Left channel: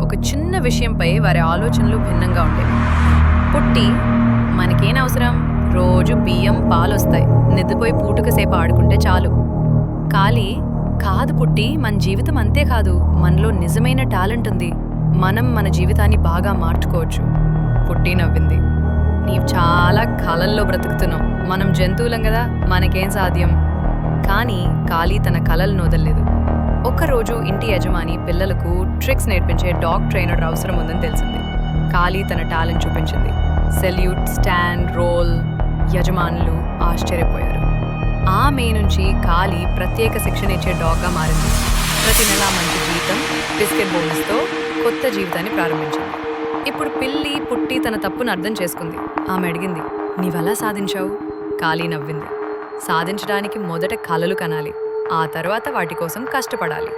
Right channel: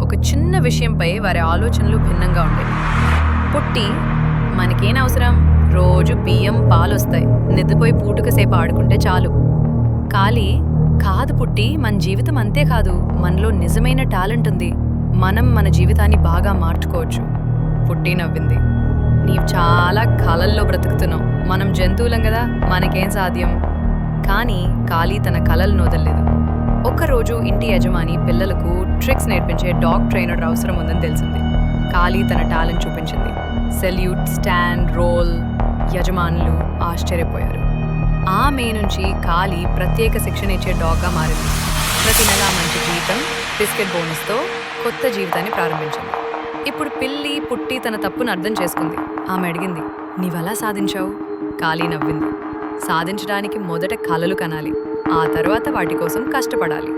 ఒక చిన్న విషయంపై వారి ఆలోచనలు భిన్నంగా ఉండేవి. పుట్టి, మనకేం అవసరం, రోజు బియ్యం పాలొస్తాయి, నిద్రపోయి పూటకసేపు ఆడుకుంటే చాలు. కాలి, కాదు పుట్టి, మన జీవితం అంతే కాదు, మనలో నిజమైన టాలెంట్ ఉంది, మనం మన జీవితాన్ని బాగా మార్చుకోవచ్చు. పుట్టి నవ్వింది. నీవు చాలా కలల్లో బ్రతుకుతున్నావు, మనం జంతువులం కదా, మనకేం సాధ్యం. కానీ కాలి తన కలలను వదలలేదు. ఒక్కరోజు ఇంటి యజమాని పిల్లలకు ట్రిక్స్ నేర్పించే డాగ్ ట్రైనర్ అవసరం ఉందని తెలిసింది. కాలి తన టాలెంట్ చూపించింది. Salute, stand, role. యజమానులు ఆశ్చర్యపోయారు. ఆమె నుంచి కాలి ప్రత్యేక శిక్షణ ఇచ్చే డాగ్గా మారింది. ప్రతి నెలా మంచి జీతం, బిస్కెట్ బోనస్తో కొత్త జీవితాన్ని ప్రారంభించింది. ఇప్పుడు పిల్లి పుట్టి తన తప్పును అర్థం చేసుకుంది. ఆమె అడిగింది, నీవెలా సాధించావు? కాలి నవ్వింది. సాధించడానికి మొదట కలలు కనాలి, ఆ తర్వాత వాటి కోసం కష్టపడాలి.